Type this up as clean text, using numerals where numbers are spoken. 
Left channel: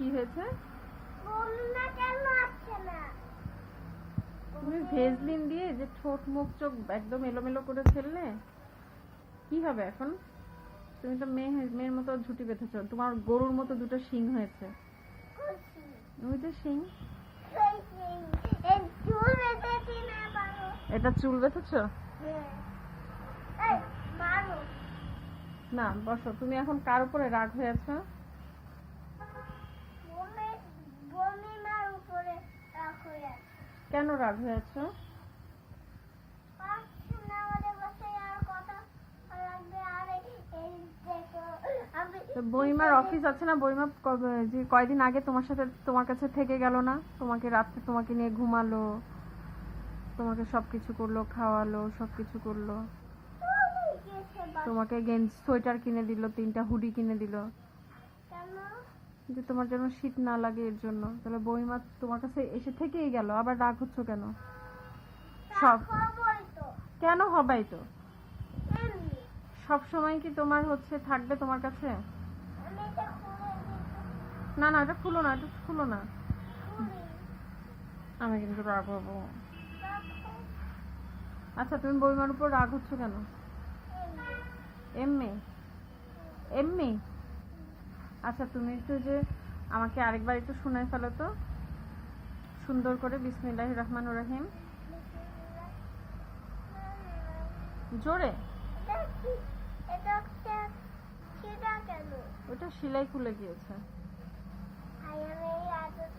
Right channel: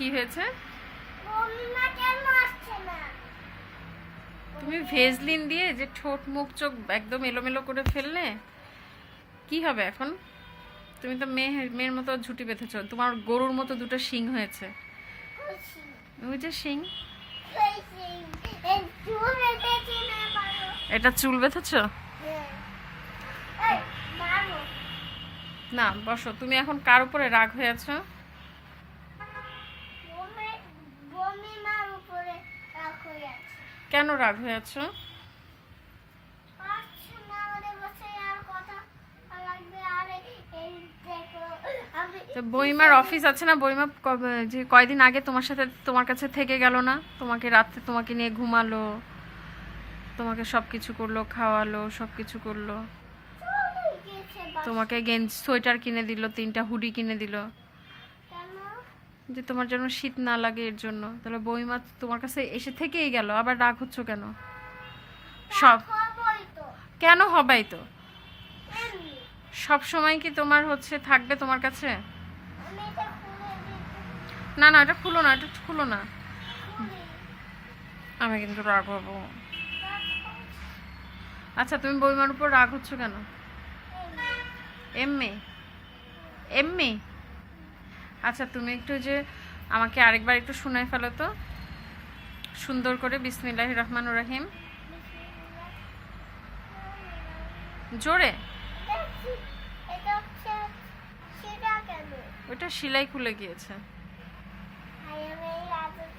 কি হয়েছে? বমিমা কেন আসছে না? তুমি ভেজলিন দিয়ে যে ঠোঁট মুখ চোখ একদম এলোমেলো করে ফেললে, কি হবে এখন? তুমি তো মেয়ের মতো ঝুঁটি বেঁধেছো, তোমার গরুর মতো দুটো শিং হয়েছে। খুশি ওই যে শিং। খুশি এই চুল বেঁধেছি না পারো। এটা চুল বেঁধেছো? হ্যাঁ। এই মারো। না বসো, তুমি এখন কার উপরে রাগ হয়ে আছো? বমিমার উপরে রাগ হয়ে আছে। কেন রাগ হয়ে আছো? পারছি না আমাদের বাসায় আর কথা লাগবে। আরে এই দেখো আমি তো বইমার অফিস আছে না? বইমা যে কয়দিন আগে তোমার সাথে তোমার কাছে থেকে গেল না? তোমাকে রাত্রে তোমাকে নিয়ে ঘুমালো, তোমাকে সব কিছু করলো, খাওয়ালো, সব কিছু করলো, চলে গেছে তোমাকে গেঞ্জি সোয়েটার কিনে দিল, 3টা হুডি কিনে দিল, কেন? যে তোমার যেন শীত না লাগে এর জন্য। তাহলে বইমা তোমার কাছে এসে থেকেই গেল, আবার রাগ হচ্ছ কেন? সব হবই তো কেন হবাই তো? এমনি। সব সময় কি তোমার হচ্ছে থাকবে তোমার কাছে? আমি এটা খুলে দিতে না না, এটা খুলো না, এটা খুলো না। খুলি। আমি কিন্তু রাগ হবো। দেখো, আচ্ছা, তুমি বইমার উপর রাগ হচ্ছ কেন? এমনি। এমনি এমনি? আচ্ছা, তুমি একটু যে আমাকে আরেকবার একটু শোনায় ফেলো তো সুন্দর করে, বিসমিল্লাহির রহমানির রহিম, জোরে। এটা হচ্ছে সেটা কেন? ওটা সেলাই খুলে গিয়েছে। হাই আমি এই আদর